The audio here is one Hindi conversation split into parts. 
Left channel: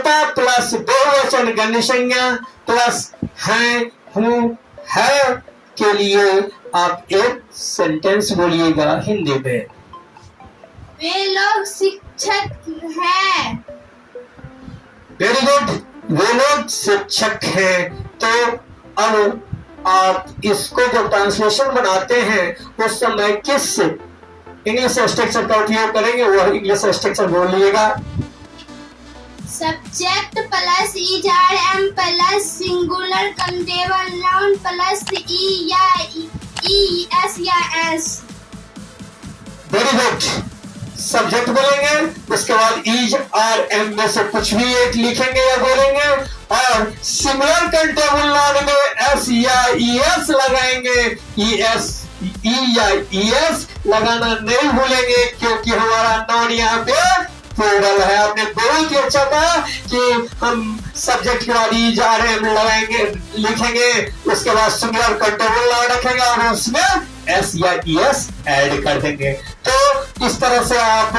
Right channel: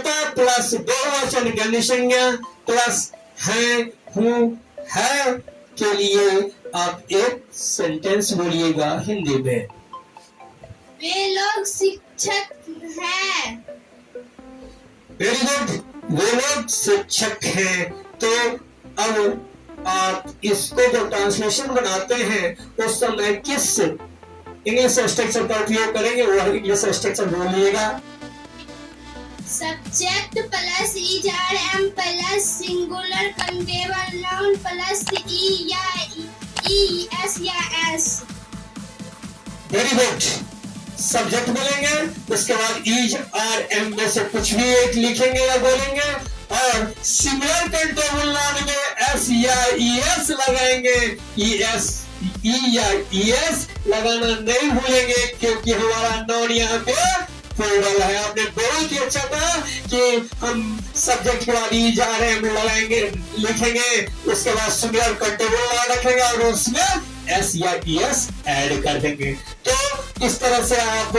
कर्ता प्लस बहुवचन गण्य संज्ञा प्लस हैं, हूँ, है के लिए आप एक सेंटेंस बोलिएगा हिंदी में। वे लोग शिक्षक हैं। वेरी गुड, वो लोग शिक्षक हैं। तो अब आप इसको जो ट्रांसलेशन बनाते हैं उस समय किस इंग्लिश स्ट्रक्चर का उपयोग करेंगे, वह इंग्लिश स्ट्रक्चर बोलिएगा। Subject plus is are am plus singular countable noun plus E या ई एस या एस। वेरी गुड, सब्जेक्ट बोलेंगे, उसके बाद इज आर एम में से कुछ भी एक लिखेंगे या बोलेंगे, और सिंगुलर काउंटेबल नाउन में एस या ई एस लगाएंगे। ई एस, ई या ई एस लगाना नहीं भूलेंगे, क्योंकि हमारा नाउन यहाँ पे प्लूरल है। आपने बहुत ही अच्छा कहा कि हम सब्जेक्ट के बाद इज आर एम लगाएंगे, लिखेंगे, उसके बाद सिंगुलर काउंटेबल नाउन रखेंगे और उसमें एस या ई एस ऐड कर देंगे। तो इस तरह से आप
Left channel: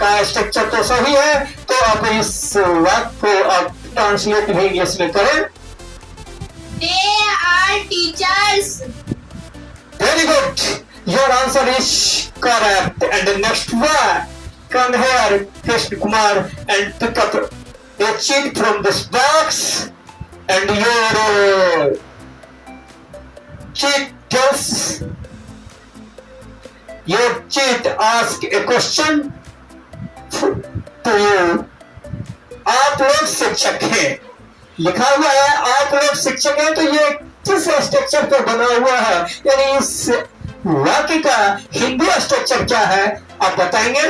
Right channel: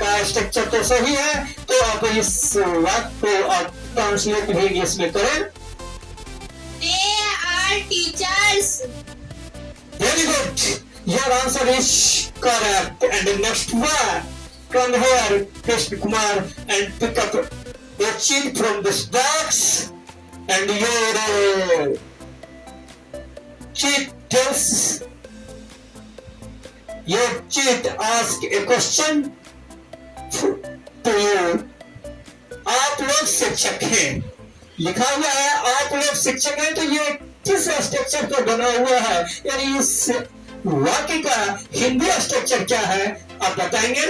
का स्ट्रक्चर तो सही है। तो आप इस वाक्य को आप ट्रांसलेट भी इंग्लिश में करें। They are teachers. Very good. Your answer is correct. And the next one, come here, Krishna Kumar, and pick up a sheet from this box. And your sheet tells, your sheet asks a question to you. आप लोग शिक्षक हैं, लिखा हुआ है आप लोग शिक्षक हैं। तो ये किस स्ट्रक्चर पर बना हुआ है, यानी इस वाक्य का हिंदी स्ट्रक्चर क्या है, आप बताएंगे?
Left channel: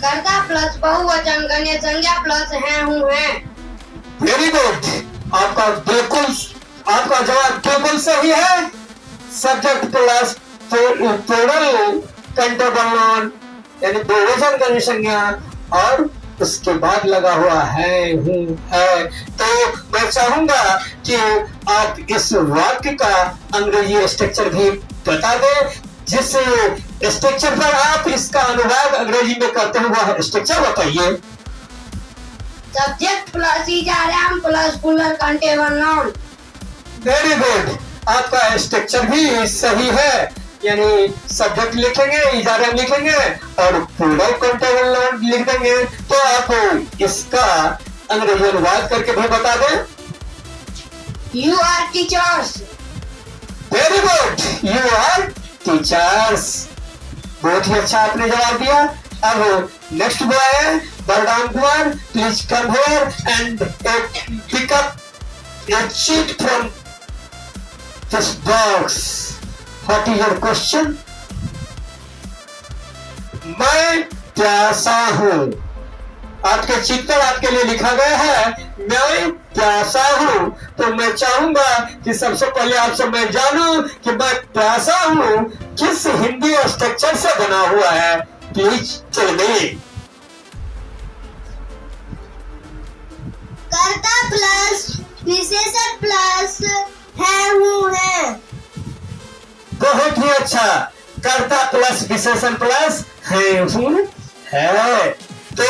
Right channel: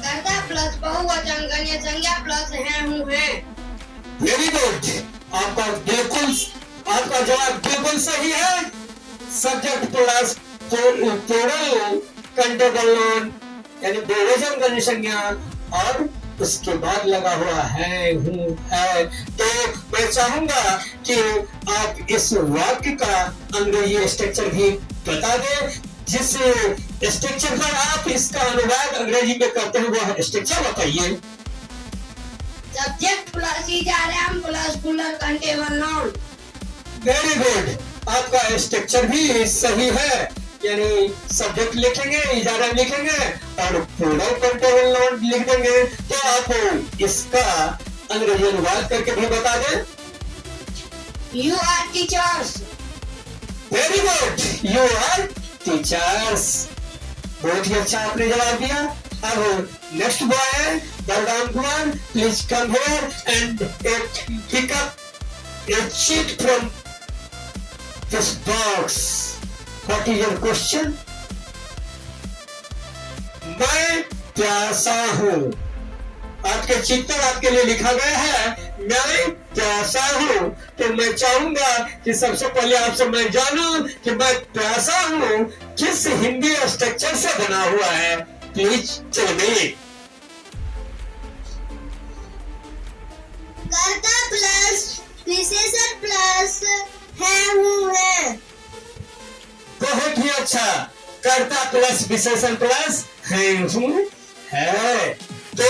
कर्ता प्लस बहुवचन गण्य संज्ञा प्लस हैं, हूँ, हैं। वेरी गुड, आपका जवाब बिल्कुल सही है। Subject plus plural countable noun यानी बहुवचन गण्य संज्ञा और उसके बाद लगा हुआ है, हूँ, है। तो मैं चाहूंगा कि आप इस वाक्य का अंग्रेजी स्ट्रक्चर भी बता दें, जिस स्ट्रक्चर पर आप इसका अनुवाद अंग्रेजी में करते हैं वह स्ट्रक्चर बताइए। Subject plus is are am plus plural countable noun. Very good, आपका स्ट्रक्चर भी सही है, यानी सब्जेक्ट लिखेंगे, इजारा लिखेंगे और प्लूरल काउंटेबल नाउन लिख देंगे। तो आप इसका अंग्रेजी अनुवाद करके भी बता दें। You are teachers. Very good, you are teachers. बहुत ही अच्छा आपने जवाब दिया। अब नेक्स्ट बॉय है Balram Kumar, please come here and pick up a sheet from this box. What is your question? मैं प्यासा हूँ। आपके चिट पर आपके लिए लिखा गया है मैं प्यासा हूँ। तो मैं चाहूंगा कि सबसे पहले आपसे मैं जानूं कि मैं प्यासा हूँ किस हिंदी स्ट्रक्चर से बना हुआ है। प्लीज चलिए। कर्ता प्लस विशेषण प्लस है, हूँ, हैं। बहुत ही अच्छा, कर्ता प्लस विशेषण प्लस है, हूँ, है। तो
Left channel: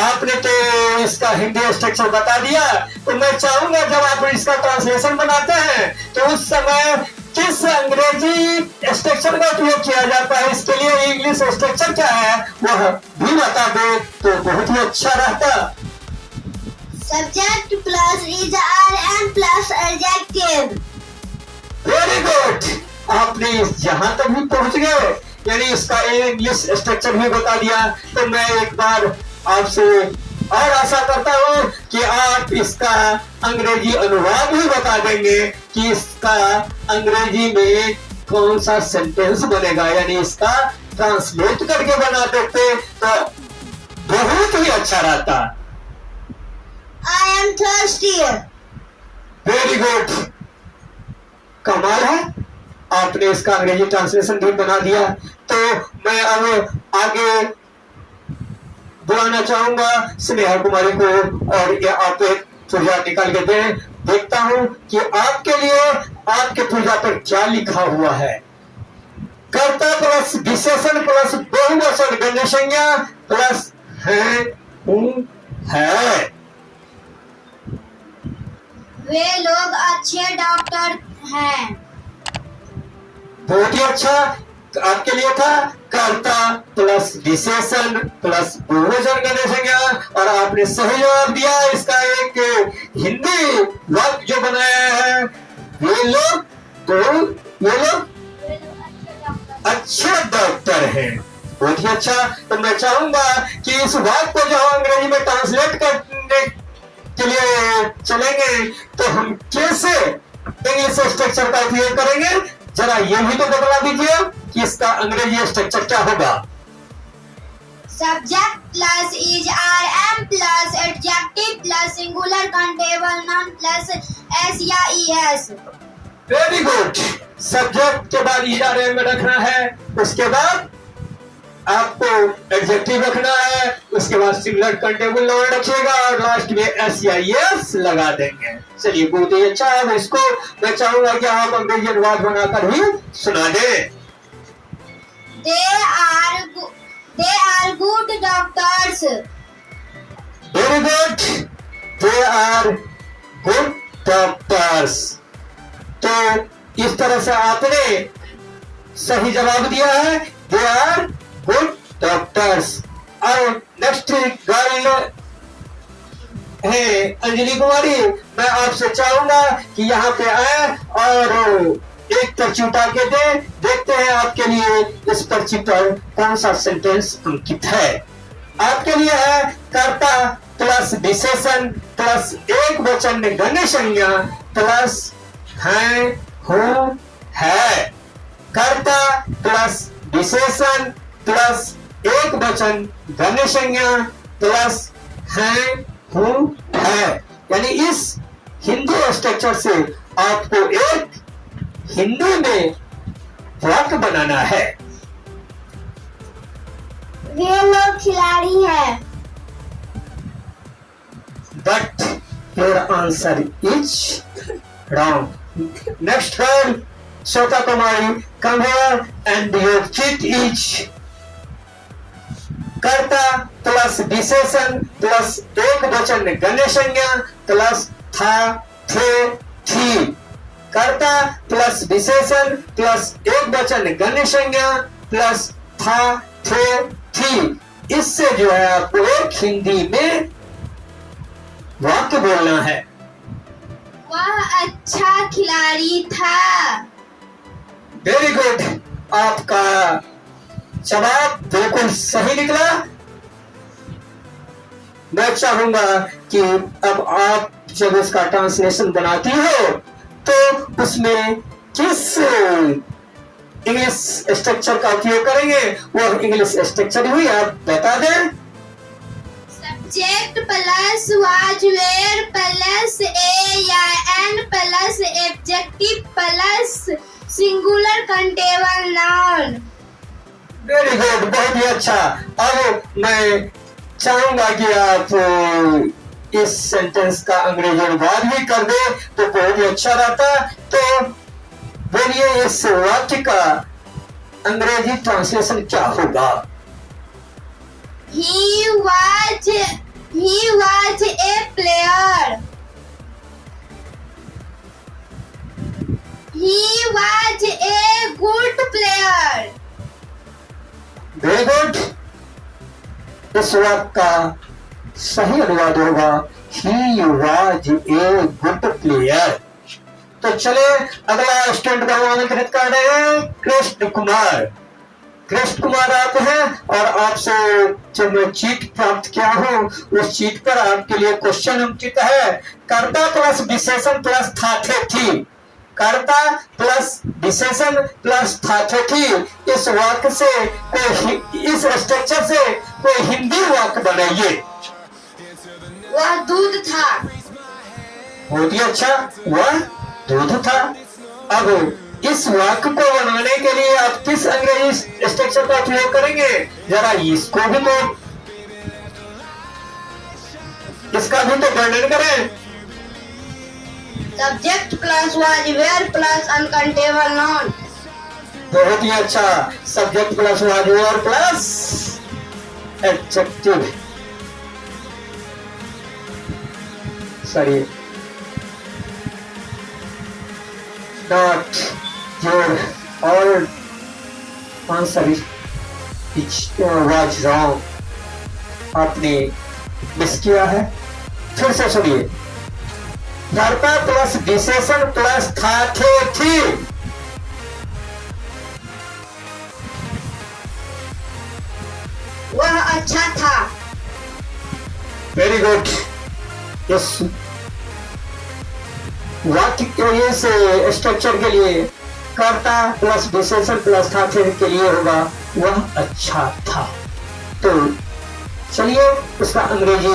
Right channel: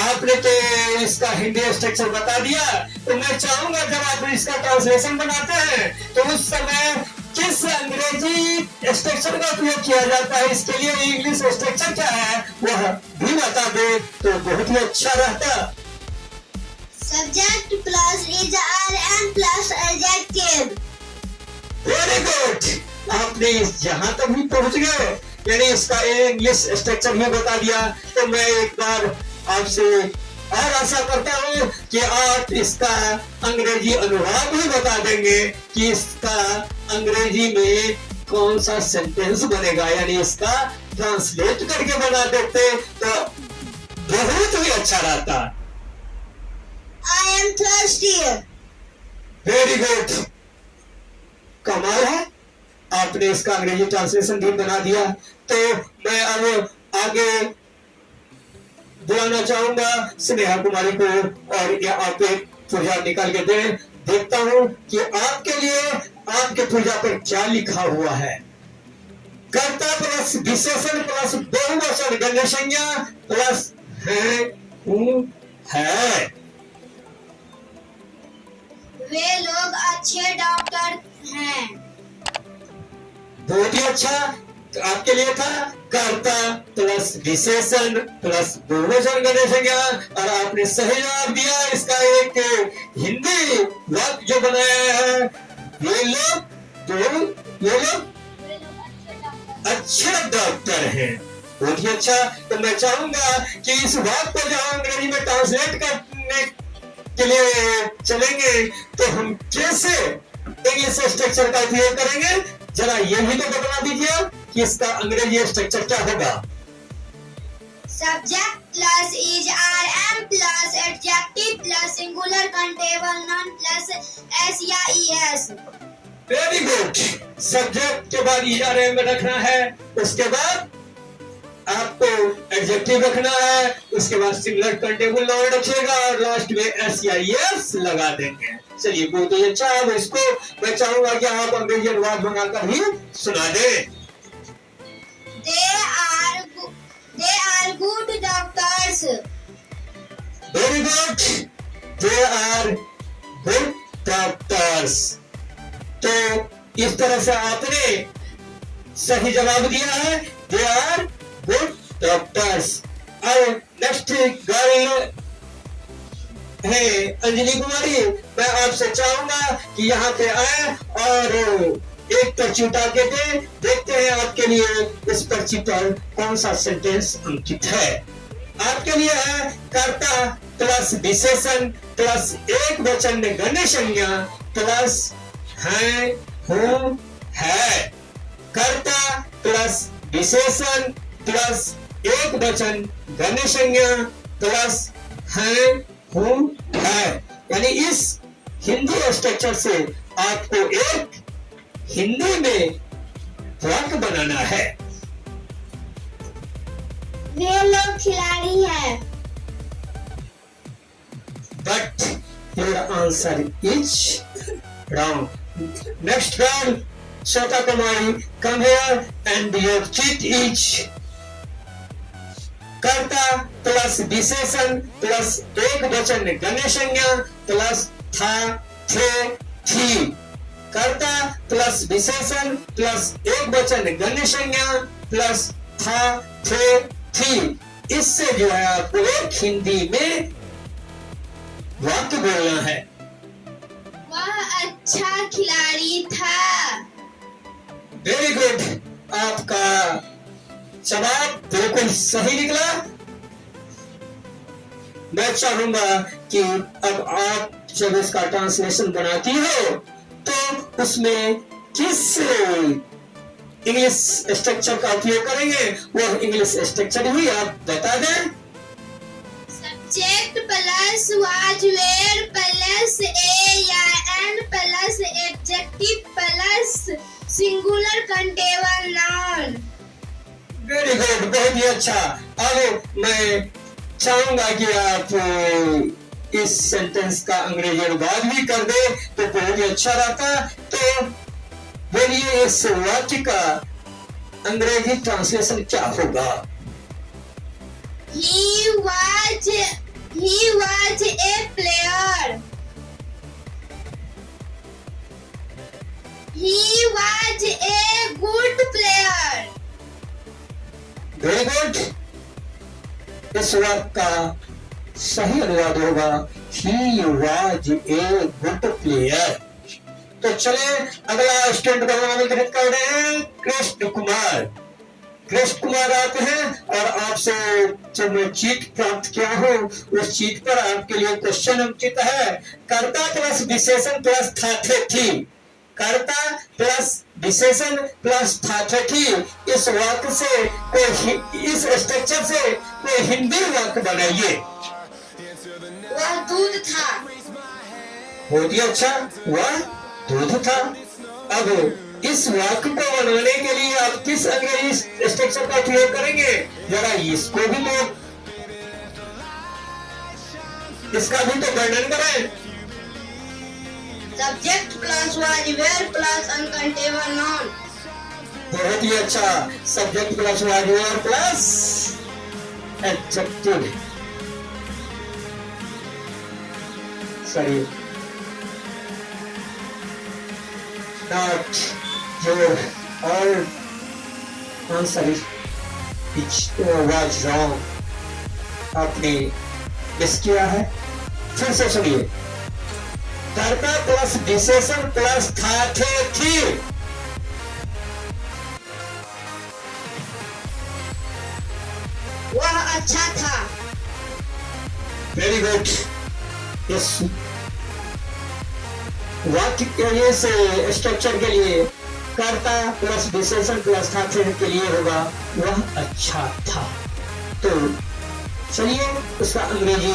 आपने तो इसका हिंदी स्ट्रक्चर बता दिया। तो मैं चाहूंगा जब आप इसका ट्रांसलेशन बनाते हैं तो उस समय किस अंग्रेजी स्ट्रक्चर का उपयोग किया जाता है, इसके लिए इंग्लिश स्ट्रक्चर क्या है वह भी बता दो तो बहुत ही अच्छा रहता। Subject plus is are am plus adjective. Very good, आपने यहाँ तक भी पहुंच गए, यानी इसका इंग्लिश स्ट्रक्चर भी बता दिया। तो मैं एक बार आपसे और आशा करता हूँ कि आप इसका अंग्रेजी अनुवाद भी बता देंगे कि इसका अंग्रेजी में कौन सा सेंटेंस बनेगा, यानी इसका ट्रांसलेट करके बना देते तो बहुत ही अच्छा रहता। I am thirsty. Very good, कमाल है, आपने इसका अंग्रेजी ट्रांसलेशन भी बना दिया। तो मैं अब आगे बुलाना चाहूंगा स्नेहा कुमारी को और ये आप एक पुर्जा निकाल के दें। देखता हूं कि आपके लिए आपके पुर्जा पर क्या लिखा हुआ है। कर्ता प्लस विशेषण प्लस बहुवचन गण्य संज्ञा प्लस हैं, आपके लिए था कर्ता प्लस विशेषण प्लस बहुवचन गणेश संज्ञा, और आपने सही जवाब दिया। इसका एक हिंदी वाक्य जो बनाया है, ये लोग अच्छे डॉक्टर हैं। बहुत ही अच्छा। तो मैं चाहूंगा कि इस वाक्य को जो अंग्रेजी में ट्रांसलेट करने के लिए चलेंगे तो हम कैसे इंग्लिश स्ट्रक्चर का उपयोग करेंगे, जरा ये भी तो बता दीजिए कि इसका अंग्रेजी स्ट्रक्चर क्या होगा। Subject plus is are am plus adjective plus singular countable noun plus S या ईएस। Very good. सब्जेक्ट के बाद इज आर एम रखना है, उसके बाद आपको एडजेक्टिव रखना है, उसके बाद सिंगुलर काउंटेबल नाउन रखिएगा और लास्ट में एस या ईएस लगा देंगे। चलिए बहुत ही अच्छा। अब इसको मैं चाहूंगा कि आप अंग्रेजी अनुवाद बनाकर ही सुना दें। They are good doctors. Very good. They are good doctors. तो इस तरह से आपने सही जवाब दिया है। They are good doctors. अब नेक्स्ट गर्ल है अंजलि कुमारी। मैं आपसे चाहूंगा कि यहाँ पे आए और एक पर्ची उठा के दे। देखते हैं आपके लिए इस पर्ची पर कौन सा सेंटेंस अंकित है। आपके लिए है कर्ता प्लस विशेषण प्लस एक वचन गण्य संज्ञा प्लस है हूं है। कर्ता प्लस विशेषण प्लस एक वचन गण्य संज्ञा प्लस है हूं है। यानी इस हिंदी स्ट्रक्चर से आपको एक हिंदी में वाक्य बनाना है। वे लोग खिलाड़ी हैं। But your answer is wrong. Next girl, Shota Kumari, come here and your cheat is कर्ता प्लस विशेषण प्लस एक वचन गण्य संज्ञा प्लस था थे थी। कर्ता प्लस विशेषण प्लस एक वचन गण्य संज्ञा प्लस था थे थी। इससे जो है आपको एक हिंदी में वाक्य बोलना है। वह अच्छा खिलाड़ी था। Very good. आपका जवाब बिल्कुल सही निकला। मैं चाहूंगा कि अब आप जब इसका ट्रांसलेशन बनाती हो तो उसमें किस इंग्लिश स्ट्रक्चर का उपयोग करेंगे, वो इंग्लिश स्ट्रक्चर भी आप बता दें। Subject plus was were plus a या an plus adjective plus singular countable noun. Very good. बहुत ही अच्छा। अब मैं चाहूंगा कि आप इस सेंटेंस का अंग्रेजी अनुवाद भी कर दे तो बहुत ही अच्छा रहता। तो बोलिए इस वाक्य का अंग्रेजी ट्रांसलेशन क्या होगा। He was a player. He was a good player. Very good. इस वाक्य का सही अनुवाद होगा He was a good player। तो चले अगला स्टूडेंट को आमंत्रित कर रहे हैं कृष्ण कुमार। कृष्ण कुमार आप हैं और आपसे जो मैं चीट प्राप्त किया हूँ उस चीट पर आपके लिए क्वेश्चन अंकित है। कर्ता प्लस विशेषण प्लस था थे थी। कर्ता प्लस विशेषण प्लस था थे थी। इस वाक्य से कोई इस स्ट्रक्चर से कोई हिंदी वाक्य बनाइए। वह दूध था। बहुत ही अच्छा। वह दूध था। अब इस वाक्य को बनाने के लिए आप किस अंग्रेजी स्ट्रक्चर का उपयोग करेंगे, जरा इसको भी तो इसका भी तो वर्णन करें। Subject plus was were plus uncountable noun. बहुत ही अच्छा। Subject plus was were plus adjective. Sorry, not your all answer was wrong, आपने मिस किया है। फिर से सुनिए, कर्ता प्लस विशेषण प्लस था, थे, थी। वह अच्छा था। Very good. यस, वाक्य के लिए से स्ट्रक्चर के लिए कर्ता प्लस विशेषण प्लस था, थे के लिए होगा वह अच्छा था। तो चलिए उसका अंग्रेजी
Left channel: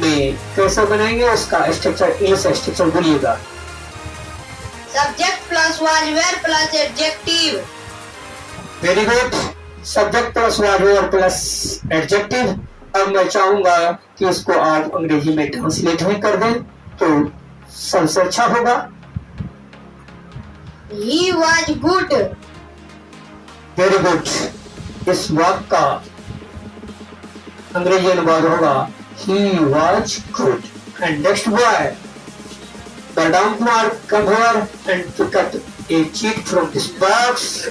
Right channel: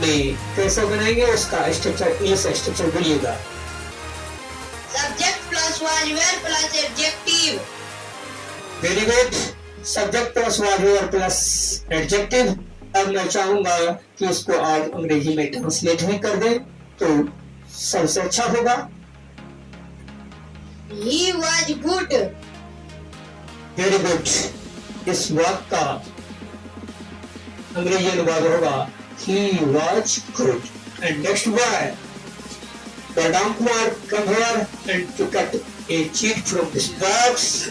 में कैसे बनाएंगे, उसका स्ट्रक्चर, इंग्लिश स्ट्रक्चर बोलिएगा। Subject plus was were plus adjective. Very good. Subject plus was were plus adjective. अब मैं चाहूंगा कि इसको आप अंग्रेजी में ट्रांसलेट भी कर दें तो सबसे अच्छा होगा। He was good. Very good. इस वाक्य का अंग्रेजी अनुवाद होगा He was good. And next boy, Badam Kumar, come here and pick up a cheat from this box.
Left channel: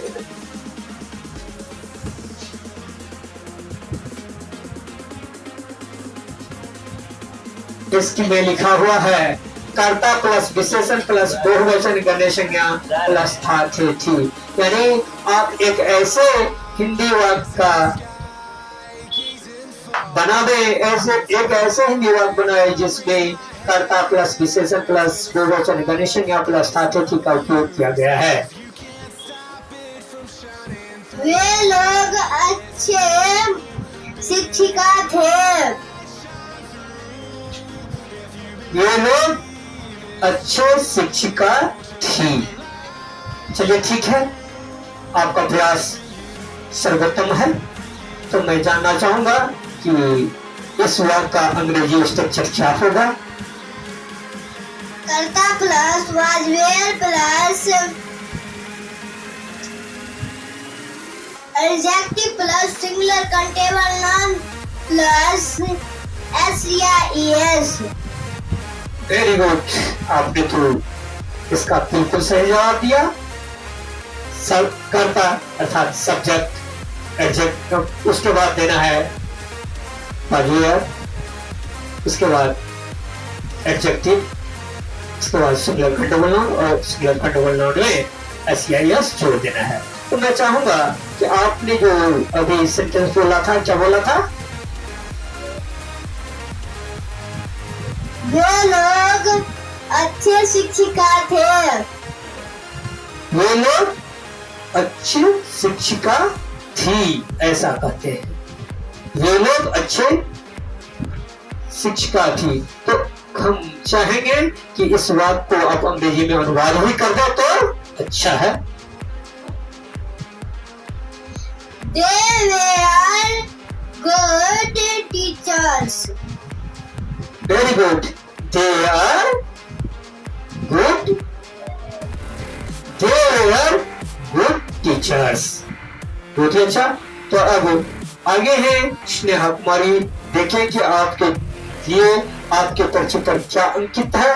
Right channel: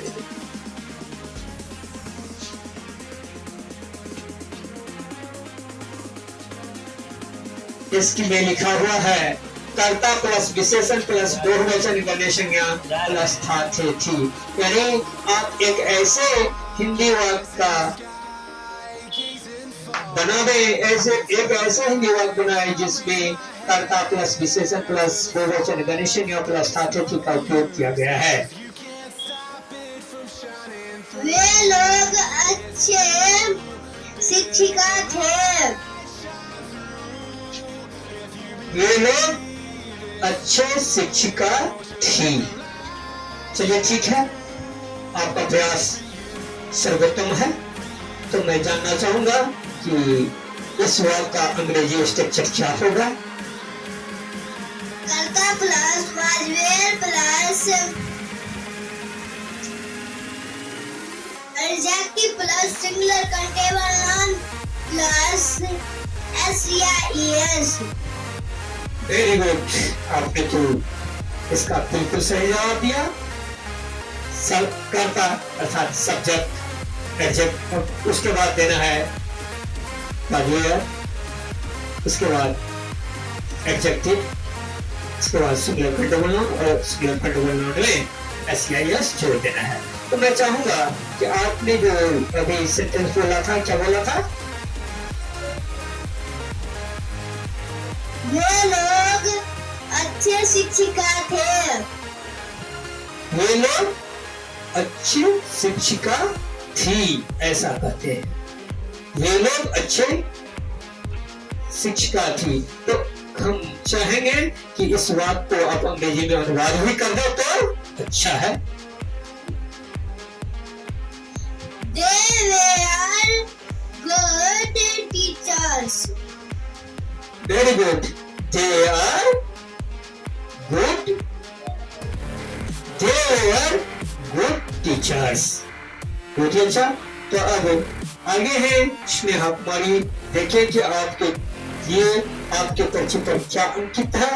इसकी में लिखा हुआ है कर्ता प्लस विशेषण प्लस बहुवचन गण्य संज्ञा प्लस था, थे, थी। यानी आप एक ऐसे हिंदी वाक्य का बना दें, एक ऐसे हिंदी वाक्य बनाए जिसमें कर्ता प्लस विशेषण प्लस बहुवचन गण्य संज्ञा प्लस था, थे, थी का उपयोग किया गया है। वे लोग अच्छे शिक्षिका थे। ये लोग अच्छे शिक्षिका थी। चलिए ठीक है, आपका प्रयास सर्वोत्तम है। तो मैं जानना चाहूंगा कि इस वाक्य का अंग्रेजी स्ट्रक्चर क्या होगा। कर्ता plus was were plus adjective plus singular countable noun plus SEIS। Very good. आपने तो इसका बिल्कुल सही जवाब दिया। सब कर्ता अर्थात सब्जेक्ट एडजेक्टिव, उसके बाद देना है वाज, उसके बाद एडजेक्टिव, उसके बाद सिंगुलर काउंटेबल नाउन और सिंगुलर काउंटेबल नाउन में SEIS जोड़ देना है। तो मैं चाहूंगा कि आपने जो अभी सेंटेंस बोला था, क्या बोला था? वे लोग अच्छे शिक्षिका थे। वे लोग अच्छी शिक्षिका थी, ऐसा कहते हैं। वे लोग अच्छे शिक्षिका थी। तो हम चाहेंगे कि इस वाक्य को आप अंग्रेजी में अनुवाद भी कर दो तो अच्छा है। They were good teachers. Very good. They are good. They were good teachers. बहुत ही अच्छा। तो अब आगे है स्नेहा कुमारी। देखें कि आपके लिए आपके पर्चे पर क्या अंकित है।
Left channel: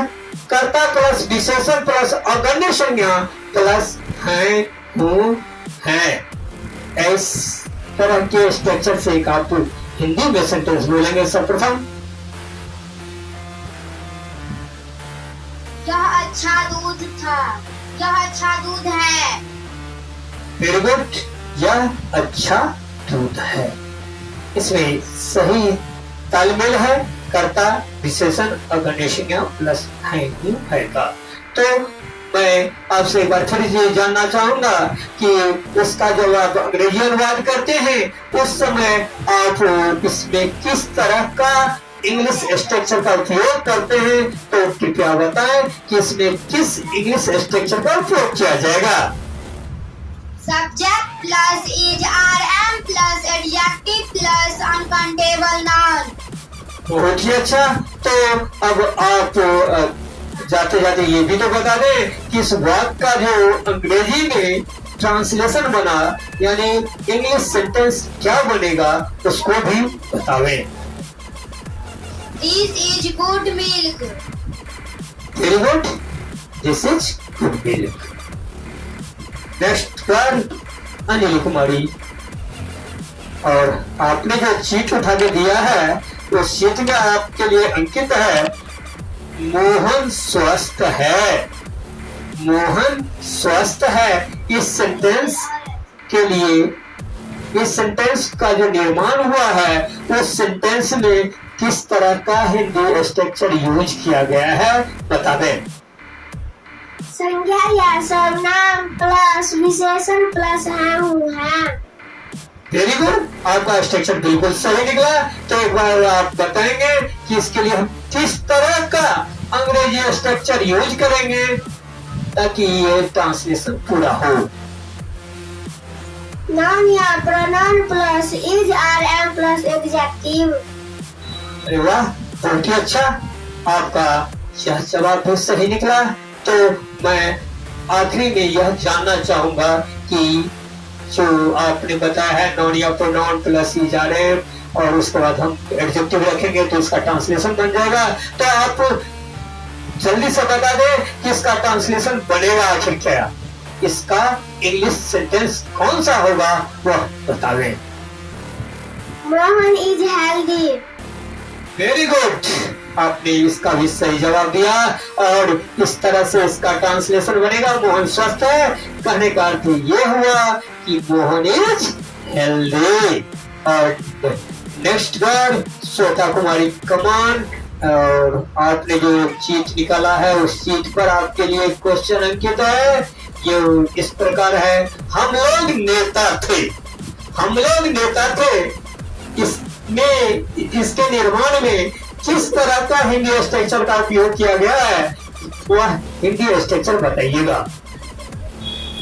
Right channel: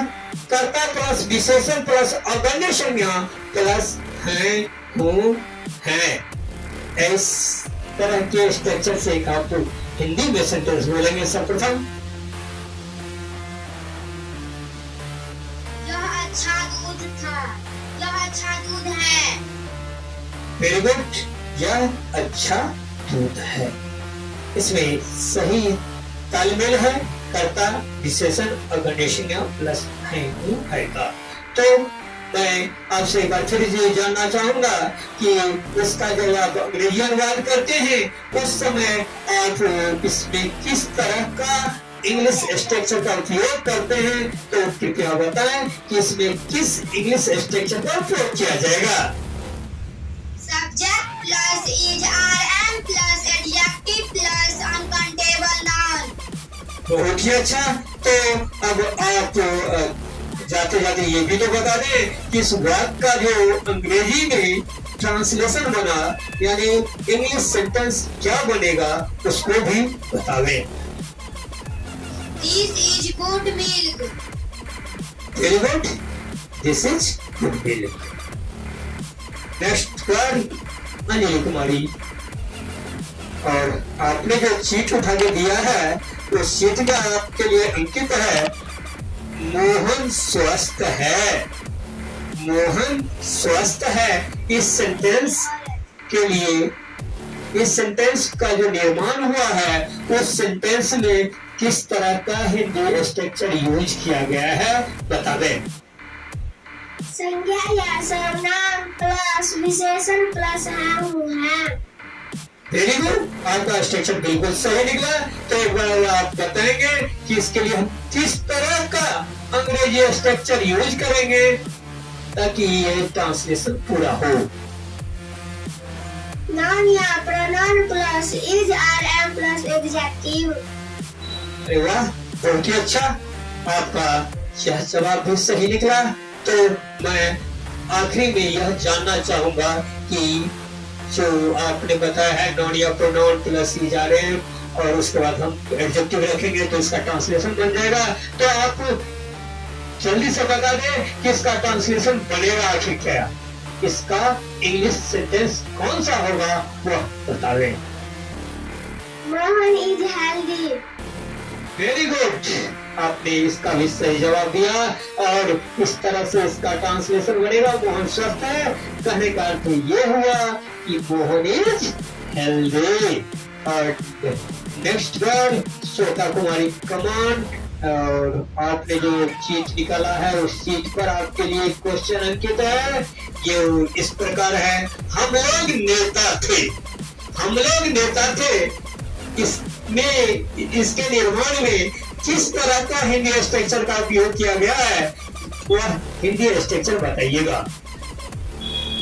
कर्ता प्लस विशेषण प्लस अगण्य संज्ञा प्लस है, हूँ, है। इस तरह के स्ट्रक्चर से एक आप हिंदी में सेंटेंस बोलेंगे। सर्वप्रथम, यह अच्छा दूध था। यह अच्छा दूध है। Very good. यह अच्छा दूध है। इसमें सही तालमेल है। कर्ता विशेषण अगण्य संज्ञा प्लस है, हूँ, है का। तो मैं आपसे एक बार फिर ये जानना चाहूंगा कि उसका जब आप अंग्रेजी अनुवाद करते हैं उस समय आप इसमें किस तरह का इंग्लिश स्ट्रक्चर का उपयोग करते हैं। तो कृपया बताएं कि इसमें किस इंग्लिश स्ट्रक्चर का उपयोग किया जाएगा। Subject plus is RM plus adjective plus uncountable noun. बहुत ही अच्छा। तो अब आप जाते जाते ये भी तो बता दें कि इस वाक्य का जो अंग्रेजी में ट्रांसलेशन बना, यानी इंग्लिश सेंटेंस क्या बनेगा, उसको भी बतावें। This is good milk. Very good. This is good milk. Next one, Anjali Kumari. और आपने जो चीट उठा के दिया है वो चीट में आपके लिए अंकित है मोहन स्वस्थ है। मोहन स्वस्थ है। इस सेंटेंस के लिए, इस सेंटेंस का जो निर्माण हुआ है उस सेंटेंस में किस तरह का हिंदी स्ट्रक्चर यूज किया गया है बता दें। संज्ञा या सर्वनाम प्लस विशेषण प्लस है। वेरी गुड, आपका स्ट्रक्चर बिल्कुल सही निकला। तो एक बार आप बताएंगे कि इसके लिए हम किस तरह का अंग्रेजी स्ट्रक्चर यूज करेंगे ताकि ये ट्रांसलेशन पूरा हो। नाउन या pronoun plus is are am plus adjective. अरे वाह, बहुत ही अच्छा, आपका यह जवाब भी सही निकला। तो मैं आखिरी में यह जानना चाहूंगा कि जो आपने बताया है नाउन या pronoun plus is are am और उसके बाद हम एडजेक्टिव रखेंगे तो इसका ट्रांसलेशन बन जाएगा। तो आप जल्दी से बता दें कि इसका ट्रांसलेशन बनेगा आखिर क्या, इसका इंग्लिश सेंटेंस कौन सा होगा वह बता दें। Mohan is healthy. Very good, आपने इसका भी सही जवाब दिया और इस तरह से इसका ट्रांसलेशन बनेगा मोहन स्वस्थ है। कहने का अर्थ ये हुआ कि मोहन इज हेल्दी। और नेक्स्ट वर्ड श्वेता कुमारी कमान। और आपने जो चीट निकाला है उस चीट पर आपके लिए क्वेश्चन अंकित है। ये इस प्रकार है, हम लोग नेता थे। हम लोग नेता थे, इसमें इसके निर्माण में किस तरह का हिंदी स्ट्रक्चर का उपयोग किया गया है वह हिंदी स्ट्रक्चर बताइएगा।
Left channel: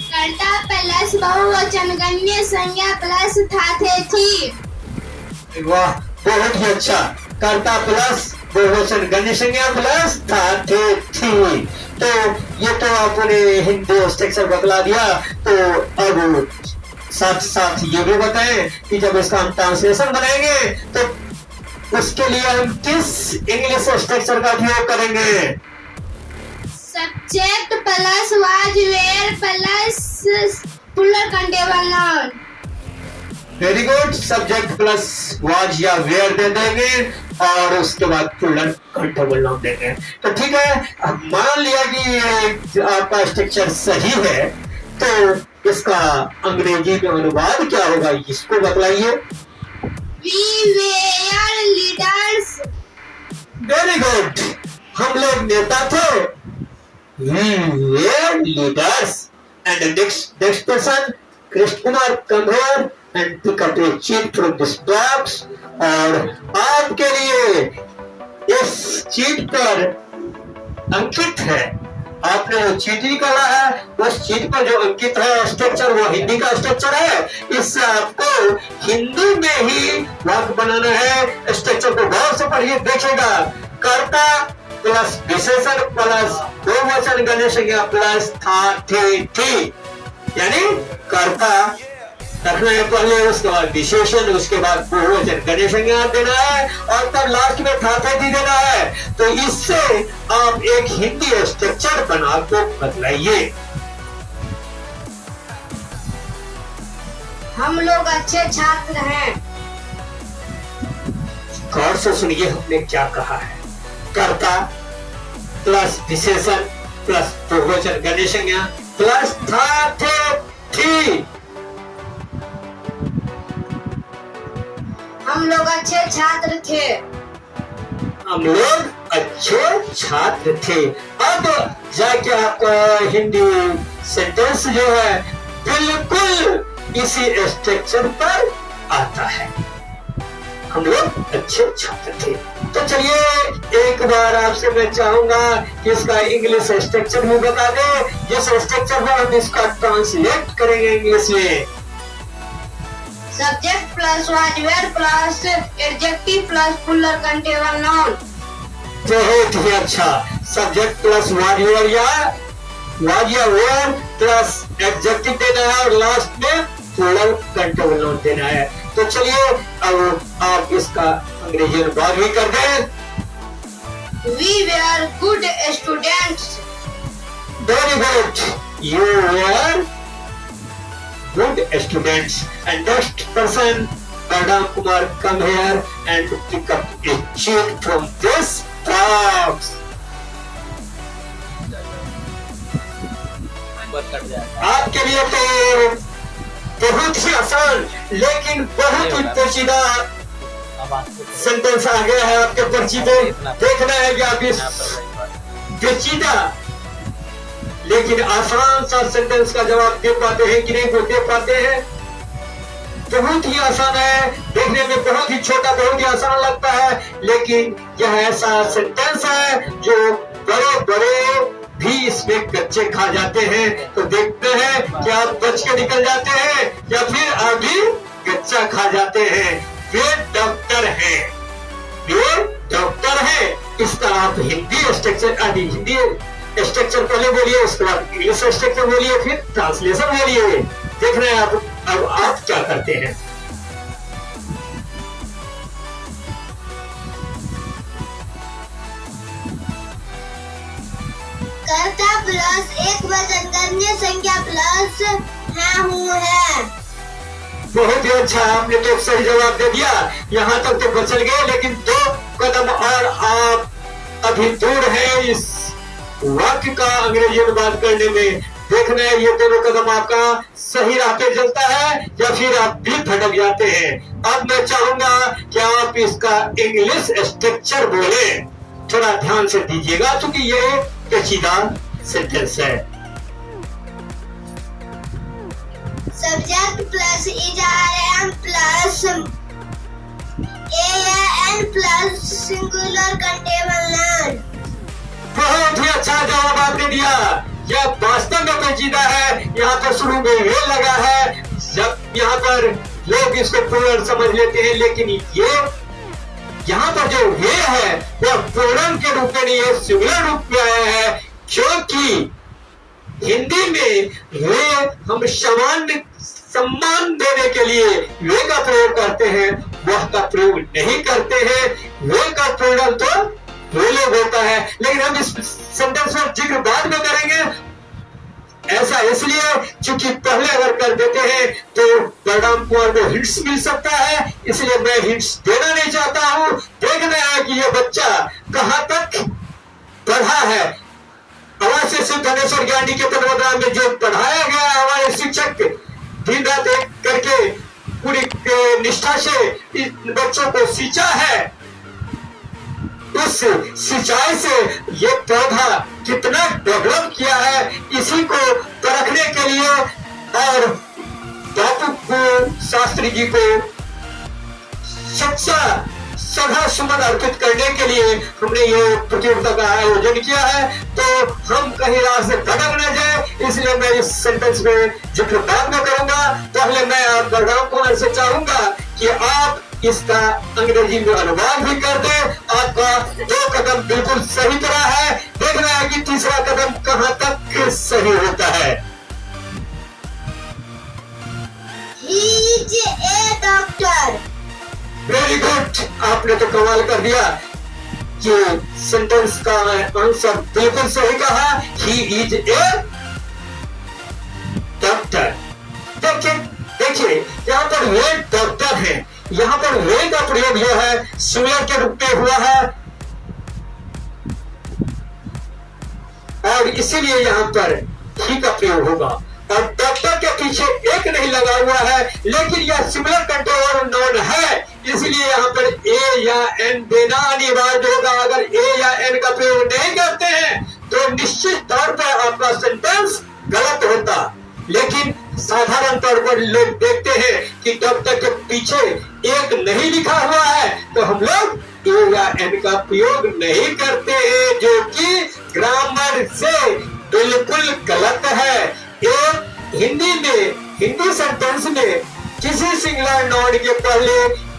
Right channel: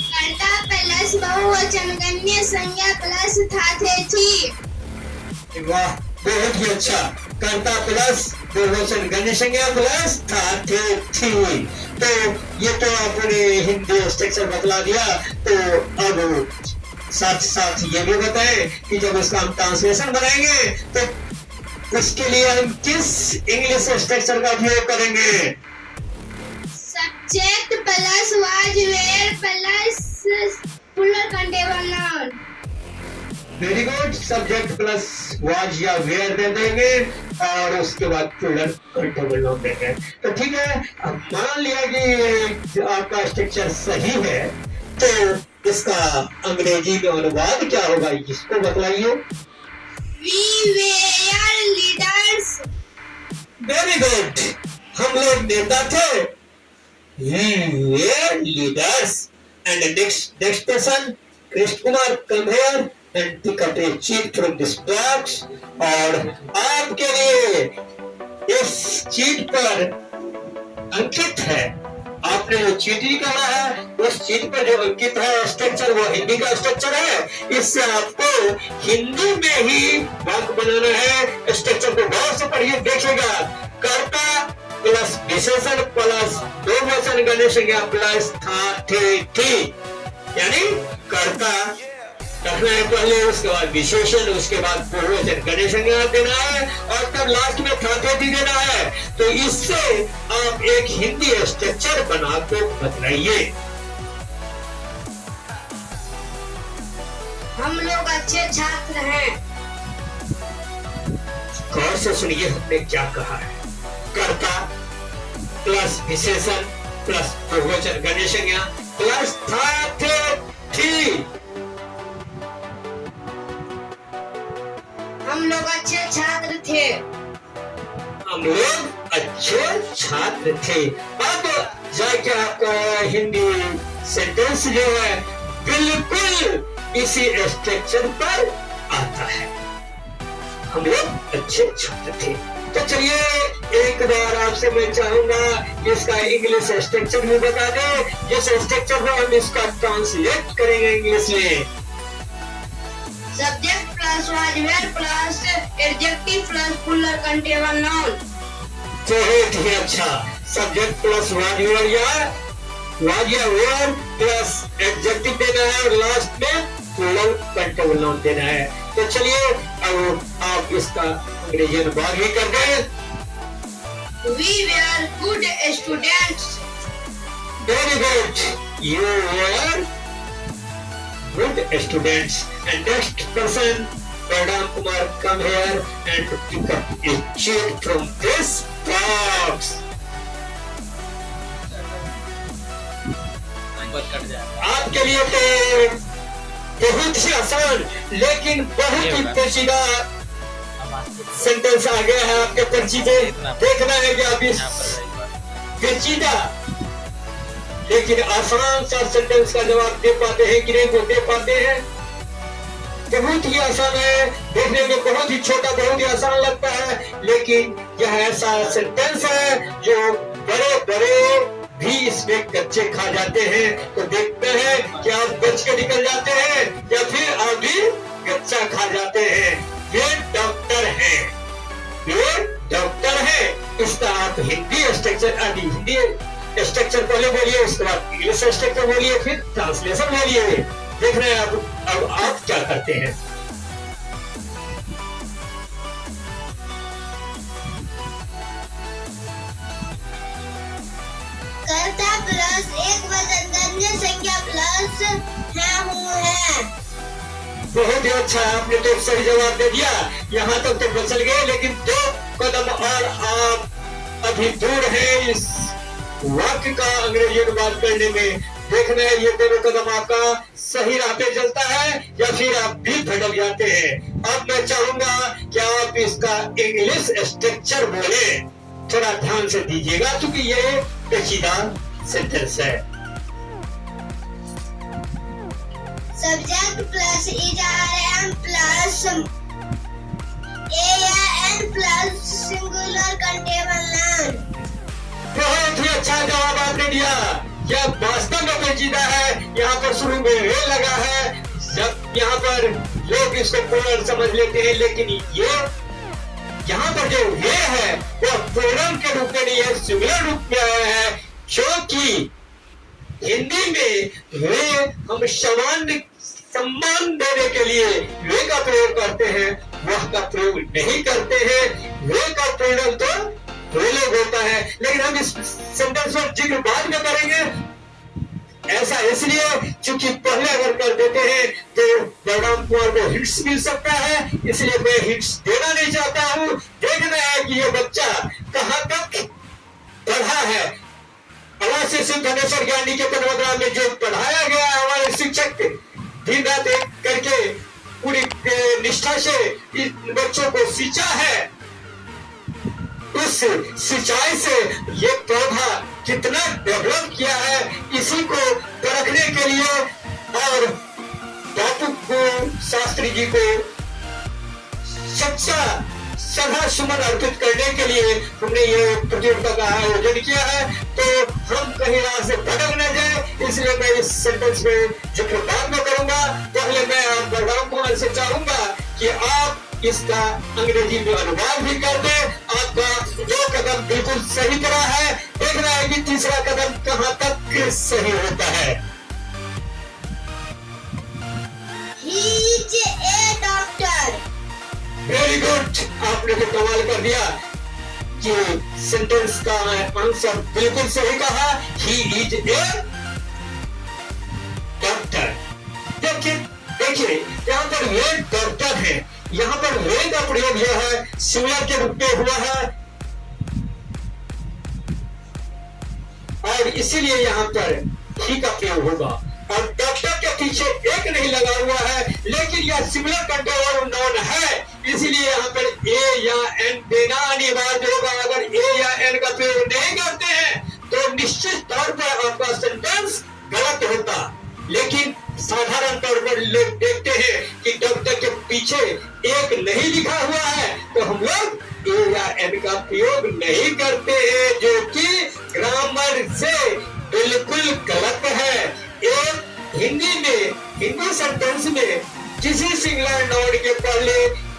कर्ता प्लस बहुवचन गण्य संज्ञा प्लस था थे थी। वाह, बहुत ही अच्छा। कर्ता प्लस बहुवचन गण्य संज्ञा प्लस था थे थी। तो ये तो आपने हिंदी स्ट्रक्चर बतला दिया। तो अब साथ साथ ये भी बताएं कि जब इसका हम ट्रांसलेशन बनाएंगे तो उसके लिए हम किस इंग्लिश स्ट्रक्चर का उपयोग करेंगे। Subject plus was were plus plural countable noun. Very good, subject plus was या वेयर दे देंगे और उसके बाद प्लूरल काउंटेबल नाउन देंगे। तो ठीक है, अब मान लिया कि आपका स्ट्रक्चर सही है तो इसका अंग्रेजी में अनुवाद क्या होगा इसको बतलाइए। We were leaders. Very good, हम लोग नेता थे। We were leaders. And next person, Krishna Kumar come here and pick up a cheat from this box. और आपके लिए इस चीट पर अंकित है, आपने जो चीट निकाला है उस चीट पर जो अंकित है स्ट्रक्चर वो हिंदी का स्ट्रक्चर है। इससे आपको हिंदी में ही वाक्य बनाना है। स्ट्रक्चर को गौर से पढ़िए, देखिएगा। कर्ता प्लस विशेषण प्लस बहुवचन गण्य संज्ञा प्लस था थे थी, यानी कर्ता रखना है पहले, उसके बाद विशेषण, उसके बाद बहुवचन गण्य संज्ञा देना है और तब लास्ट में था थे थी देना है। तो इससे आप एक हिंदी स्ट्रक्चर बना को बतलाइए। हम लोग अच्छे छात्र हैं। गौर से सुनिए हमने क्या कहा है। कर्ता प्लस विशेषण प्लस बहुवचन गण्य संज्ञा प्लस था थे थी। हम लोग अच्छे छात्र थे। हम लोग अच्छे छात्र थे। अब जाके आपका हिंदी सेंटेंस जो है बिल्कुल इसी स्ट्रक्चर पर आता है। हम लोग अच्छे छात्र थे। तो चलिए एक बार आपसे मैं चाहूंगा कि इसका इंग्लिश स्ट्रक्चर भी बता दें, जिस स्ट्रक्चर में हम इसका ट्रांसलेट करेंगे इंग्लिश में। Subject plus was were plus adjective plus plural countable noun. बहुत ही अच्छा, सब्जेक्ट प्लस वाज या वेयर प्लस एडजेक्टिव देना है और लास्ट में प्लूरल काउंटेबल नाउन देना है। तो चलिए अब आप इसका अंग्रेजी अनुवाद भी कर दें। We were good students. Very good. You were good students. And next person, Madam Kumar, come here and pick up a check from this box. आपके लिए तो बहुत ही आसान लेकिन बहुत ही पेचीदा सेंटेंस आ गया है आपके पर्ची पे। देखना है कि आप इस पेचीदा लेकिन आसान सा सेंटेंस का जवाब दे पाते हैं कि नहीं, वो दे पाते हैं। बहुत ही आसान है, देखने में बहुत ही छोटा, बहुत ही आसान लगता है, लेकिन यह ऐसा सेंटेंस है जो बड़े बड़े भी इसमें कच्चे खा जाते हैं। तो देखते हैं कि आप बच के निकल जाते हैं या फिर आप भी कच्चा खा जाते हैं। वे डॉक्टर हैं, वे डॉक्टर हैं। इसका आप हिंदी स्ट्रक्चर आदि हिंदी स्ट्रक्चर पहले बोलिए, उसके बाद इंग्लिश स्ट्रक्चर बोलिए, फिर ट्रांसलेशन बोलिए। देख रहे हैं आप अब आप क्या करते हैं। कर्ता प्लस एक वचन अन्य संख्या प्लस है हूँ है। बहुत ही अच्छा, आपने तो सही जवाब दे दिया। यहाँ तक तो बचल गए, लेकिन 2 कदम और आप अभी दूर हैं इस वाक्य का अंग्रेजी अनुवाद करने में। देखना है ये दोनों कदम आपका सही राह पे चलता है या फिर आप भी भटक जाते हैं। अब मैं चाहूंगा कि आप इसका इंग्लिश स्ट्रक्चर बोले। थोड़ा ध्यान से दीजिएगा क्योंकि ये पेचीदा सेंटेंस है। Subject plus is plus an plus singular countable noun. बहुत ही अच्छा जवाब आपने दिया। यह वास्तव में पेचीदा है। यहाँ पर शुरू में वे लगा है, जब यहाँ पर लोग इसको प्लूरल समझ लेते हैं, लेकिन ये यहाँ पर जो वे है वह प्लूरल के रूप में नहीं है, सिंगुलर रूप में आया है। क्योंकि हिंदी में वे हम सामान्य सम्मान देने के लिए वे का प्रयोग करते हैं, वह का प्रयोग नहीं करते हैं। वे का प्लूरल तो वो लोग होता है, लेकिन हम इस सेंटेंस पर जिक्र बाद में करेंगे। ऐसा इसलिए क्योंकि पहले अगर कर देते हैं तो मैडम को हिंट्स मिल सकता है, इसलिए मैं हिंट्स देना नहीं चाहता हूं। देखना है कि ये बच्चा कहां तक पढ़ा है। आवाज से धनेश्वर ज्ञानी के तत्वावधान में जो पढ़ाया गया है, हमारे शिक्षक दिन रात एक करके पूरी निष्ठा से इन बच्चों को सींचा है। उस सिंचाई से ये पौधा कितना डेवलप किया है, इसी को परखने के लिए और बापू शास्त्री जी को सच्चा श्रद्धा सुमन अर्पित करने के लिए हमने ये प्रतियोगिता का आयोजन किया है। तो हम कहीं राह से भटक न जाए, इसलिए मैं इस सेंटेंस में जिक्र बाद में करूंगा। पहले मैं आप बलराम कुमार से चाहूंगा कि आप इसका अंग्रेजी में अनुवाद भी कर दे। आपका 2 कदम बिल्कुल सही तरह है, देखना है कि तीसरा कदम कहां तक सही होता है। He is a doctor. Very good, आपने तो कमाल कर दिया कि सेंटेंस का आंसर बिल्कुल सही कहा। He is a doctor. देखिए यहाँ पर वे डॉक्टर हैं, यहाँ पर वे का प्रयोग जो है सिंगुलर के रूप में हुआ है और इसीलिए यहाँ पर ही का प्रयोग होगा। और डॉक्टर के पीछे एक नहीं लगा हुआ है, लेकिन यह सिंगुलर कंट्रोल नाउन है, इसलिए यहाँ पर ए या एन देना अनिवार्य होगा। अगर ए या एन का प्रयोग नहीं करते हैं तो निश्चित तौर पर आपका सेंटेंस गलत होता। लेकिन साधारण तौर पर लोग देखते हैं कि डॉक्टर के पीछे एक नहीं लिखा हुआ है तो हम लोग ए या एन का प्रयोग नहीं करते हैं, जो कि ग्रामर से बिल्कुल गलत है। एक हिंदी में, हिंदी सेंटेंस में किसी सिंगुलर नाउन के पहले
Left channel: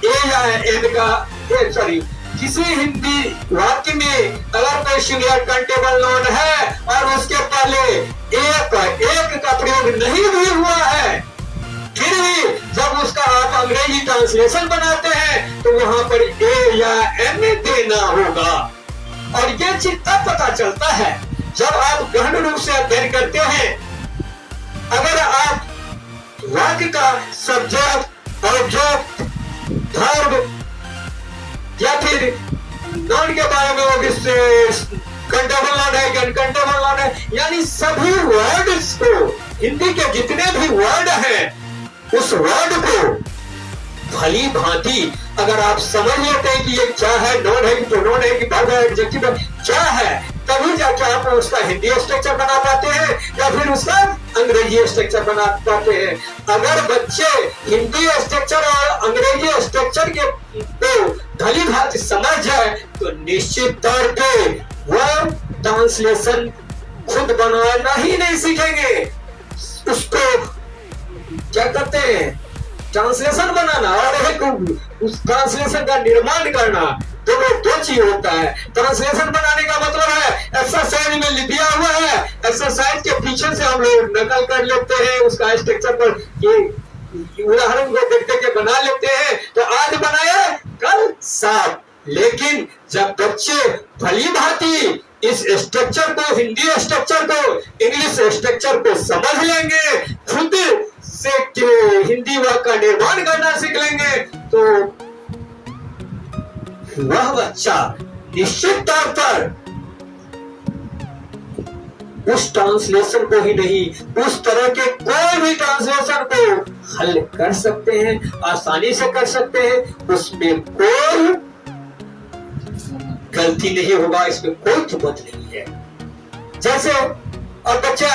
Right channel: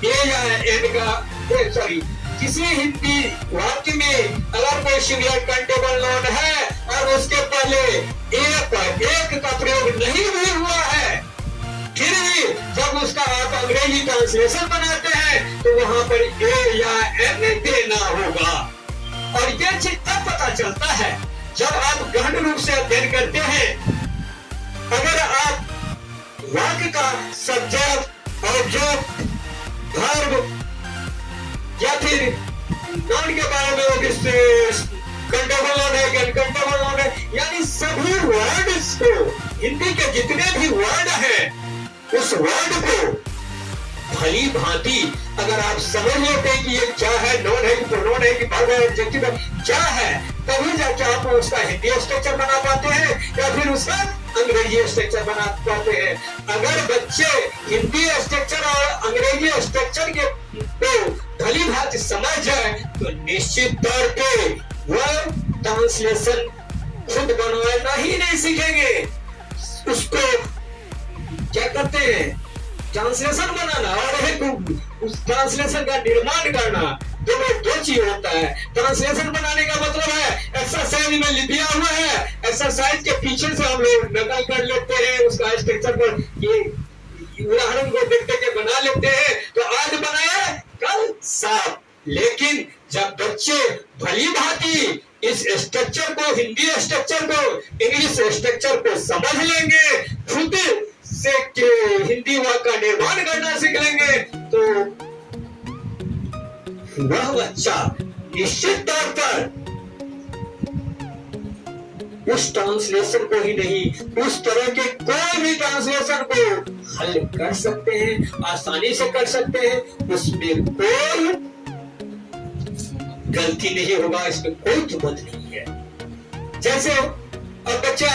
ए या एन का किसी हिंदी वाक्य में अगर कोई सिंगुलर काउंटेबल नाउन है और उसके पहले एक का प्रयोग नहीं भी हुआ है, फिर भी जब उसका आप अंग्रेजी ट्रांसलेशन बनाते हैं तो वहां पर ए या एन देना होगा। और यह चीज तब पता चलता है जब आप गहन रूप से अध्ययन करते हैं। अगर आप वाक्य का सब्जेक्ट, ऑब्जेक्ट, वर्ब या फिर नॉन के बारे में वो कंटेबल नॉन है कि अनकंटेबल नॉन है, यानी सभी वर्ड्स को, हिंदी के जितने भी वर्ड हैं उस वर्ड को भली भांति अगर आप समझ लेते हैं कि ये क्या है, नॉन है कि प्रोनाउन है कि वर्ब है, एडजेक्टिव है, क्या है, तभी जाके आप उसका हिंदी स्ट्रक्चर बना पाते हैं या फिर उसका अंग्रेजी स्ट्रक्चर बना पाते हैं। अगर बच्चे हिंदी स्ट्रक्चर और अंग्रेजी स्ट्रक्चर के को भली भांति समझ जाए तो निश्चित तौर पे वो ट्रांसलेशन खुद बनवाना ही नहीं सीखेंगे, उसको क्या करते हैं, ट्रांसलेशन बनाना और उस ट्रांसलेशन का निर्माण करना, दो चीज होता है। ट्रांसलेशन बनाने का मतलब है एक्सरसाइज में लिखा हुआ है, एक्सरसाइज के पीछे से हम लोग नकल कर लेते हैं उसका स्ट्रक्चर पर, ये उदाहरण को देख के बना लेते हैं, तो आज बनाया कल साफ। लेकिन जब बच्चे भली भांति इस स्ट्रक्चर को, हिंदी स्ट्रक्चर को, इंग्लिश स्ट्रक्चर को समझ लेंगे, खुद से हिंदी वाक्य का निर्माण करना सीख लेंगे, तो वह बच्चा निश्चित तौर पर उस ट्रांसलेशन को ही नहीं, उस तरह के कोई भी ट्रांसलेशन को हल कर सकते हैं, आसानी से कर सकते हैं, उसमें कोई गलती नहीं होगा, इसमें कोई तुमत नहीं है। जैसे अब बच्चे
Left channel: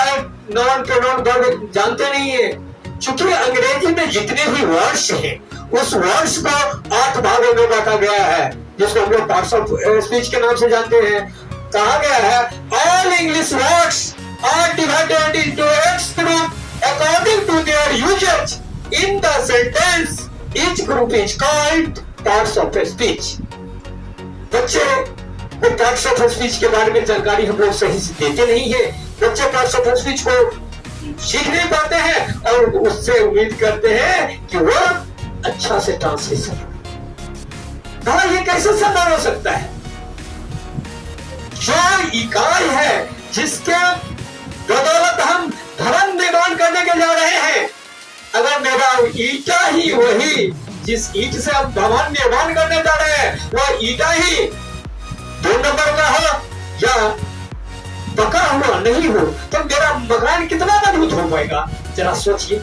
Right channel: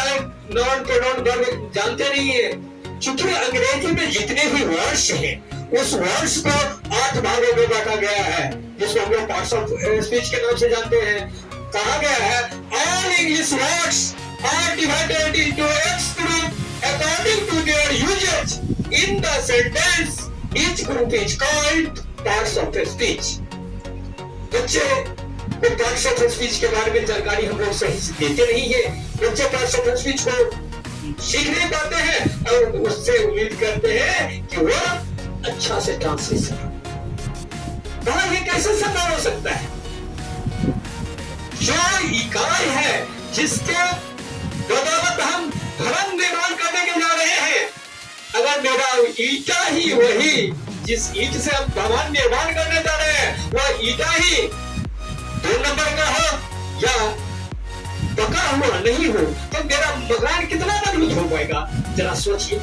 नॉन प्रोनाउन वर्ब जानते नहीं है, चूंकि अंग्रेजी में जितने भी वर्ड्स हैं उस वर्ड्स को 8 भागों में बांटा गया है, जिसको हम लोग पार्ट्स ऑफ स्पीच के नाम से जानते हैं। कहा गया है all English words are divided into six group according to their usages in the sentence, each group is called parts of speech. बच्चे को पार्ट्स ऑफ स्पीच के बारे में जानकारी हम लोग सही से देते नहीं है, बच्चे पार्ट्स ऑफ स्पीच को सीख नहीं पाते हैं और उससे उम्मीद करते हैं कि वो अच्छा से ट्रांसलेशन। ये कैसे संभव हो सकता है? जो इकाई है जिसके बदौलत हम धर्म निर्माण करने के जा रहे हैं, अगर मेरा ईटा ही वही जिस ईट से हम भवन निर्माण करने जा रहे हैं वह ईटा ही 2 नंबर का हो या पका हुआ नहीं हो, तो मेरा मकान कितना मजबूत हो पाएगा, जरा सोचिए।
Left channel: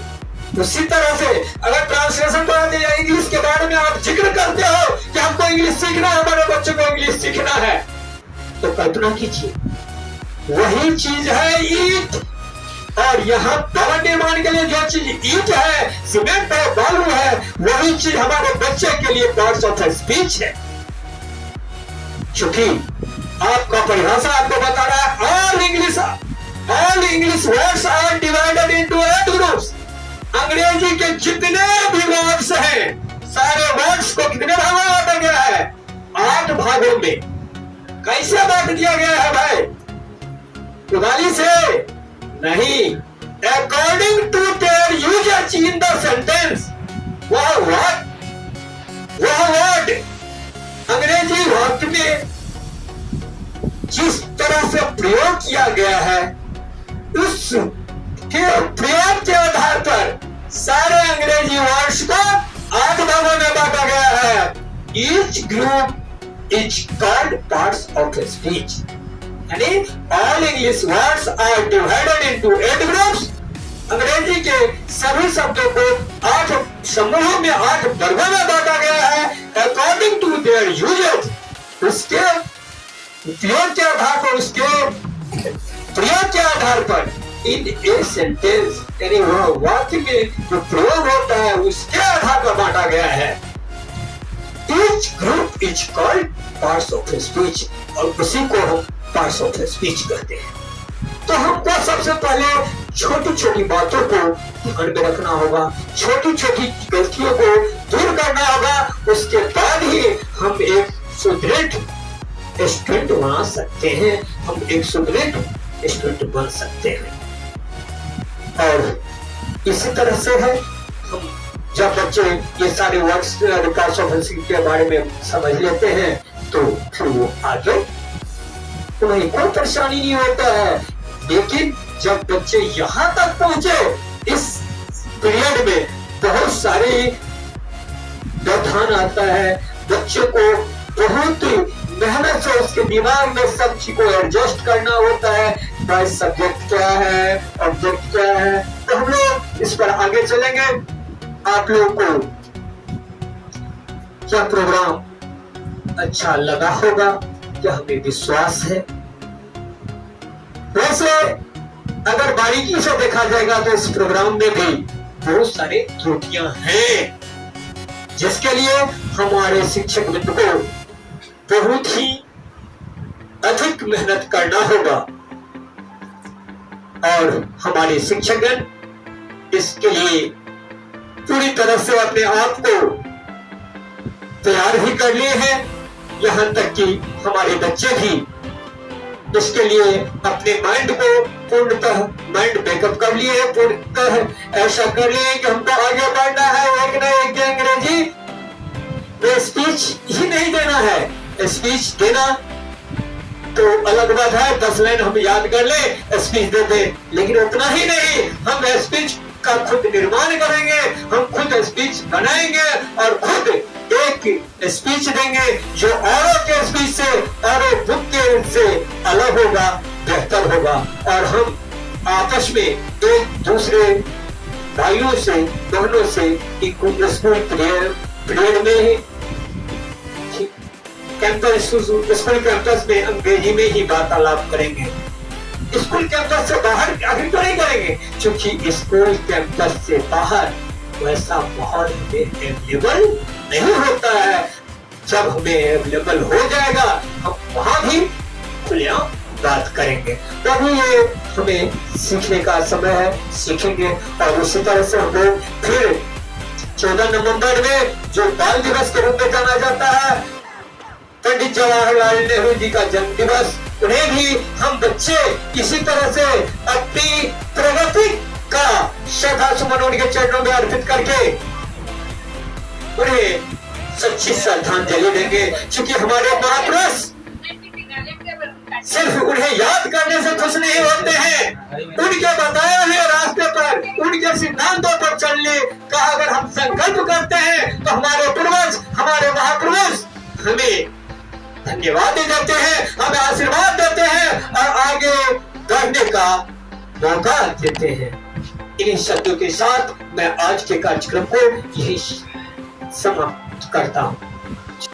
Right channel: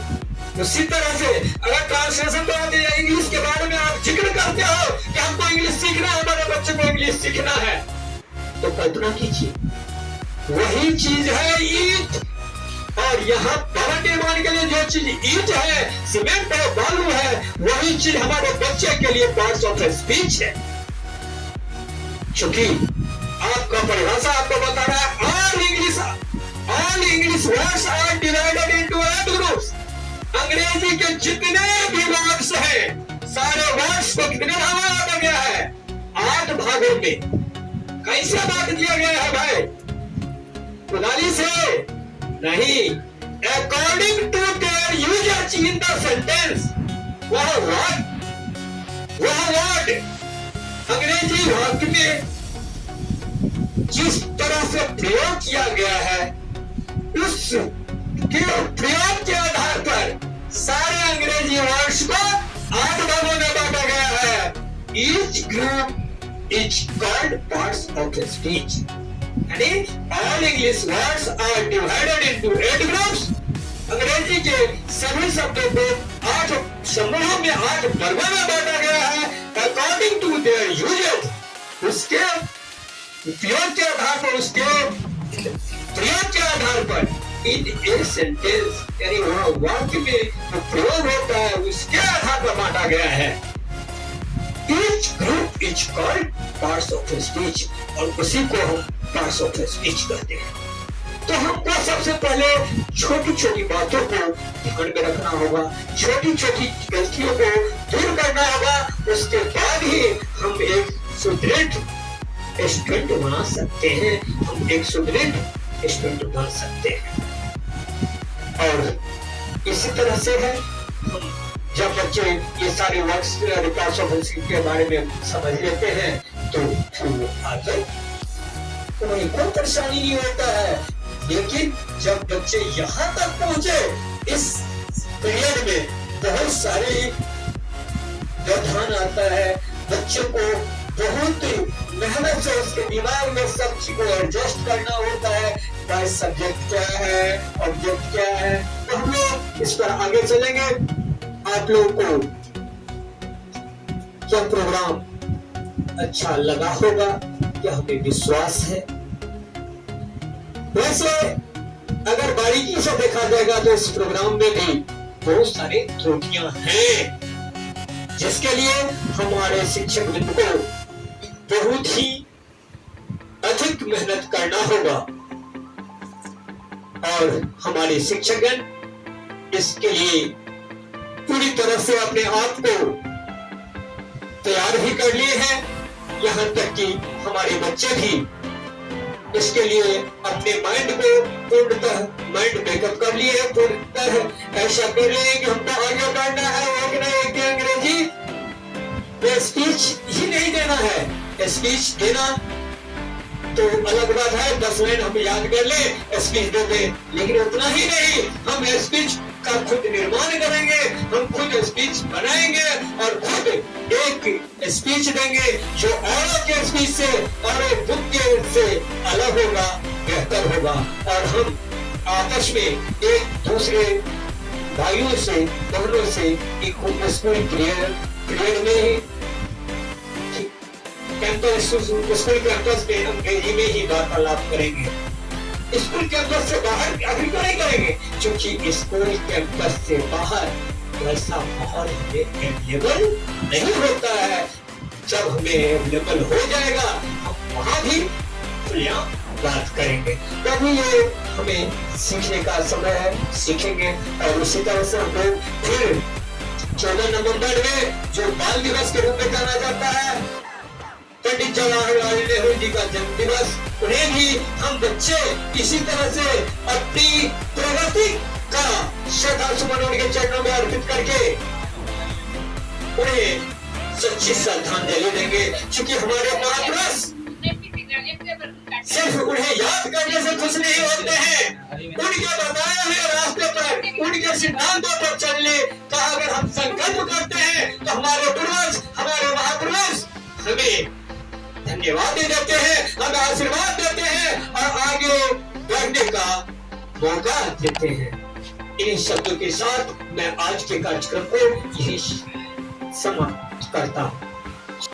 उसी तरह से अगर ट्रांसलेशन कराते हैं इंग्लिश के बारे में आप जिक्र करते हो कि हमको इंग्लिश सीखना है, हमारे बच्चों को इंग्लिश सीखना है, तो कल्पना कीजिए वही चीज है ईट, और यहाँ भवन निर्माण के लिए जो चीज ईट है, सीमेंट है, बालू है, वही चीज हमारे बच्चे के लिए पार्ट्स ऑफ स्पीच है। क्योंकि आपका परिभाषा आपको बता रहा है all English words are divided into 8 groups. अंग्रेजी के जितने भी वर्ड्स हैं, सारे वर्ड्स को कितने भागों में बांटा गया है? 8 भागों में। कैसे बांट दिया गया है भाई? उदाली से नहीं, according to their usages in the sentence. वह वर्ड अंग्रेजी वाक्य में जिस तरह से प्रयोग किया गया है उस के प्रयोग के आधार पर सारे अंग्रेजी वर्ड्स को 8 भागों में बांटा गया है। Each group is called parts of speech, यानी all English words are divided into 8 groups. अंग्रेजी के सभी शब्दों को 8 समूहों में, 8 वर्गों में बांटा गया है अकॉर्डिंग टू देयर यूजेज। उसके उपयोग के आधार पर, उसके प्रयोग के आधार पर इन ए सेंटेंस, यानी वाक्य में जो प्रयोग होता है उसके आधार पर बांटा गया है। Each group is called parts of speech, और उसी को हम पार्ट्स ऑफ स्पीच कहते हैं। तो हमको सबसे पहले छोटी छोटी बातों को ध्यान में रखना होगा, छोटी छोटी गलतियों को दूर करना होगा, उसके बाद ही हम एक सुदृढ़ स्टूडेंट बना सकते हैं, हम एक सुदृढ़ स्टूडेंट बन सकते हैं। और इसी तरह से है, हम जब बच्चे ये सारे वर्ड्स के बारे में समझ लेते हैं तो फिर वो आगे उन्हें कोई परेशानी नहीं होता है। लेकिन जब बच्चे यहाँ तक पहुंचे, इस पीरियड में बहुत सारे व्यवधान आता है, बच्चे को बहुत मेहनत से उसके दिमाग में सब चीज को एडजस्ट करना होता है। भाई सब्जेक्ट क्या है, ऑब्जेक्ट क्या है, तो हम लोग इस पर आगे चलेंगे। आप लोगों को क्या प्रोग्राम अच्छा लगा होगा, क्या हमें विश्वास है। वैसे अगर बारीकी से देखा जाएगा तो इस प्रोग्राम में भी बहुत सारी त्रुटियां हैं, जिसके लिए हमारे शिक्षक वृंद को बहुत ही अधिक मेहनत करना होगा और हमारे शिक्षकगण इसके लिए पूरी तरह से अपने आप को तैयार भी कर लिए हैं। यहाँ तक कि हमारे बच्चे भी इसके लिए अपने माइंड को पूर्णतः माइंड मेकअप कर लिए हैं, पूर्णतः ऐसा कर लिए कि हमको आगे बढ़ना है। एक न एक अंग्रेजी स्पीच ही नहीं देना है, स्पीच देना तो अलग बात है, 10 लाइन हम याद कर ले स्पीच दे दे, लेकिन उतना ही नहीं, हम स्पीच का खुद निर्माण करेंगे, हम खुद स्पीच बनाएंगे और खुद एक स्पीच देंगे जो औरों के स्पीच से, औरों बुक के से अलग होगा, बेहतर होगा। और हम आपस में एक दूसरे भाइयों से, बहनों से एक स्कूल पीरियड में ही स्कूल कैंपस में अंग्रेजी में ही वार्तालाप करेंगे। स्कूल कैंपस से बाहर अभी तो नहीं करेंगे, क्योंकि स्कूल कैंपस से बाहर वैसा माहौल अवेलेबल नहीं होता है। जब हमें अवेलेबल हो जाएगा हम वहां भी खुलेआम बात करेंगे, तभी ये हमें सीखने का समय है, सीखेंगे। और उसी तरह से हम लोग फिर 14 नवंबर में जो बाल दिवस के रूप में जाना जाता है, पंडित जवाहरलाल नेहरू जी का जन्म दिवस, उन्हें भी हम बच्चे इसी तरह से अपनी प्रगति का श्रद्धा सुमन उनके चरणों में अर्पित करके उन्हें सच्ची श्रद्धांजलि देंगे। क्योंकि हमारे महापुरुष सिर्फ उन्हें याद करने से खुश नहीं होते हैं, उनके बताए हुए रास्ते पर, उनके सिद्धांतों पर चलने का अगर हम संकल्प करते हैं तो हमारे पूर्वज, हमारे महापुरुष हमें धन्यवाद देते हैं, हमें आशीर्वाद देते हैं और आगे बढ़ने का मौका देते हैं। इन शब्दों के साथ मैं आज के कार्यक्रम को यही समाप्त करता हूँ।